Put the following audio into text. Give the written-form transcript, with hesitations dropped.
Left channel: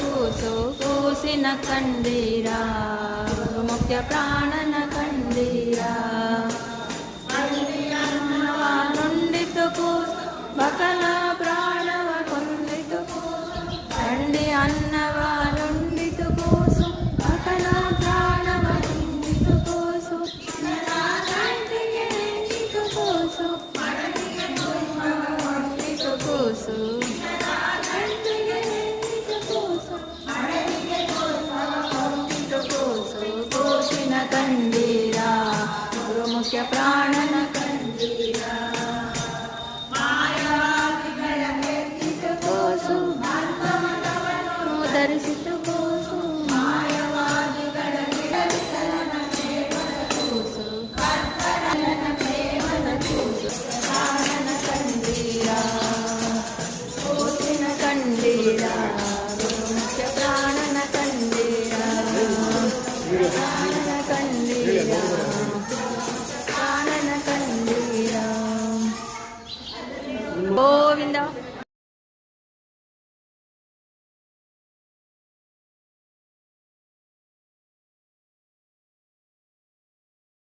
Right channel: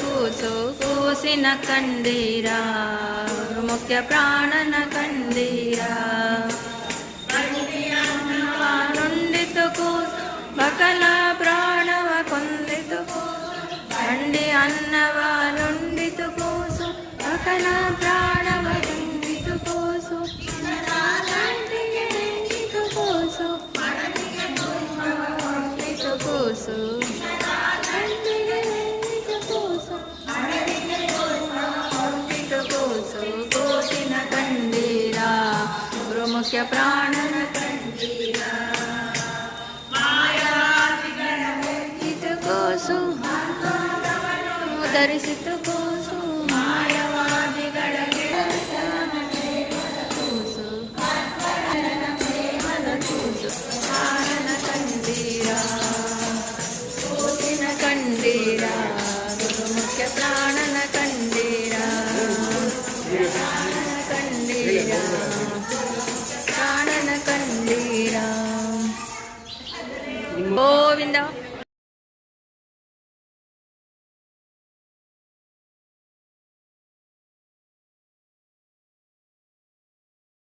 ಕೂಸು ಕೂಸಿನ ಕಂಡೀರ ಮುಖ್ಯ ಪ್ರಾಣನ ಕಂಡೀರ ನೊಂದಿತು ಕೂಸು ಬಕಲ ಪ್ರಾಣವ ಕೊಂದಿತು ಕಂಡಿ ಅನ್ನವ ನೊಂದಿತು ಕೂಸು ಬಕಲ ಪ್ರಾಣವ ಕೊಂದಿತು ಕೂಸು ಕೂಸು ಕೂಸು ಕೂಸಿನ ಕಂಡೀರ ಮುಖ್ಯ ಪ್ರಾಣನ ಕಂಡೀರ ಕೂಸು ಧರಿಸಿತು ಕೂಸು ಮಾಯವಾದಿಗಳ ಕೂಸು ಕೂಸು ಪ್ರಾಣನ ಕಂಡೀರ ಕೂಸಿನ ಕಂಡೀರ ಮುಖ್ಯ ಪ್ರಾಣನ ಕಂಡೀರ